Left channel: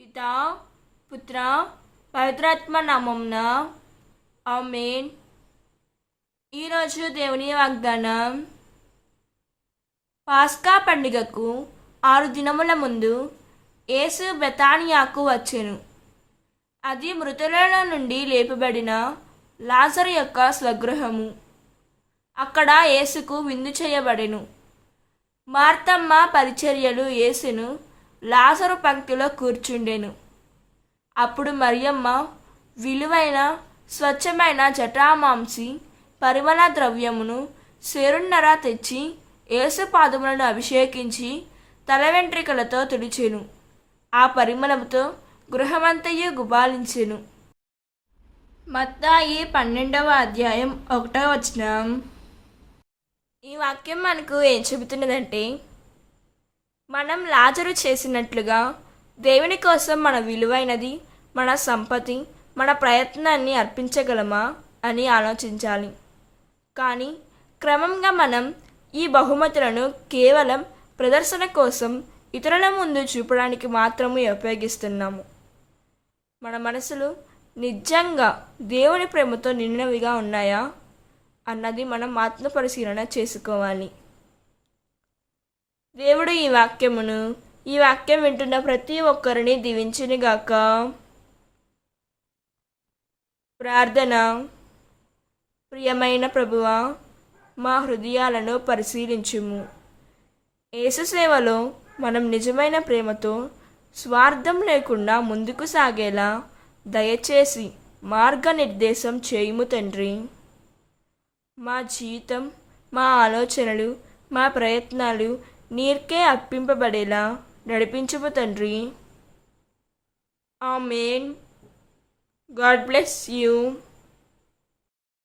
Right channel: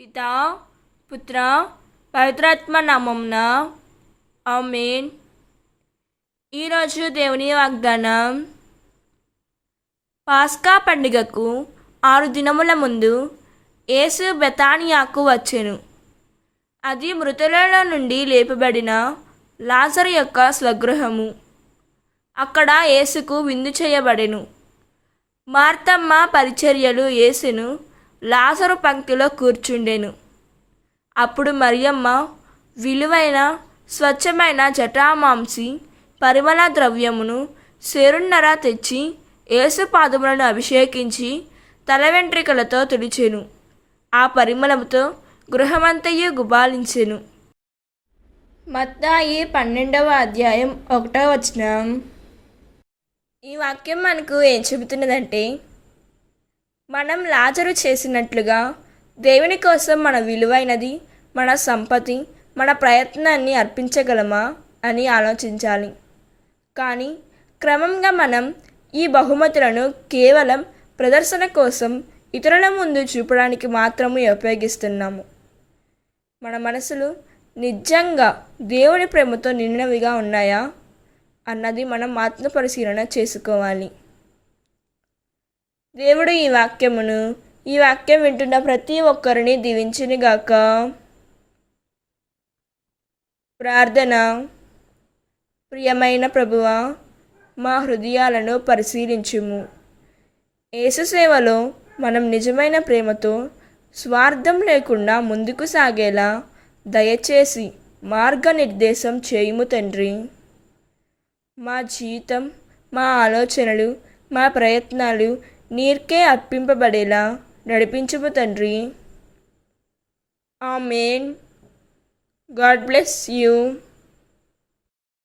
పితా పుత్ర పవిత్రాత్మ నామమున ఆమేన్. ఈరోజు దేవుని వాగ్దానం. పాస్కా పండుగకు 6 దినముల ముందు యేసు బెతానియాకు వచ్చెను. అది మృతులలో నుండి లేపబడిన లాజరు యొక్క స్వగృహము. అక్కడ యేసుకు విందు చేయబడెను. మార్తమ్మ పరిచర్యలు యేసును లాజరు పంక్తిలో కూర్చుండెను. అప్పుడు మరియమ్మ విలువైన స్వచ్ఛమైన జటామాంసి పరిమళ ద్రవ్యమును సేరున్నర తెచ్చి యేసు పాదములను అభిషేకించి తల వెంట్రికలతో తుడిచెను. ఆ పరిమళముతో గృహమంతయు గుబాలించెను. మత్తాయి 12వ అధ్యాయం 1వ వచనం. ఈ వాక్యం మనకు ఏం చెబుతున్నదంటే, మనం లాజరు చేసినట్లుగా దేవుని కోసం మన విలువైనది, మన సంపత్తి, మన ప్రయత్నాన్ని అర్పించగలమా అని ఆలోచించాలి. కానీ క్రమంగా మనం ఈ బహుమతులను కేవలం ప్రదర్శన కోసం ఇతరుల ముందు చూపడానికి మాత్రమే ఉపయోగిస్తున్నాము. మన మనసులు నిజంగా దేవుని ప్రేమతో నిండినవిగా ఉన్నాయా అన్నది మనం ఆత్మపరిశీలన చేసుకోవాలి. దేవుడు ఈ వాక్యం వింటున్న ప్రతి ఒక్కరిని దీవించునుగాక. ప్రార్థన. ప్రియమైన ప్రభువా, మా హృదయాలను పరిశీలించుము. యేసు సేవలో మనం నిజమైన ప్రేమతో స్వార్థం లేకుండా ముందుకు సాగేలా దయచేసి మార్గనిర్దేశం చేయుము తండ్రి. మా జీవితం, మా ఆలోచనలు, మా ప్రయత్నాలు నీకే అర్పింపబడేలా నడిపించుము తండ్రి. ఆమేన్. God bless you.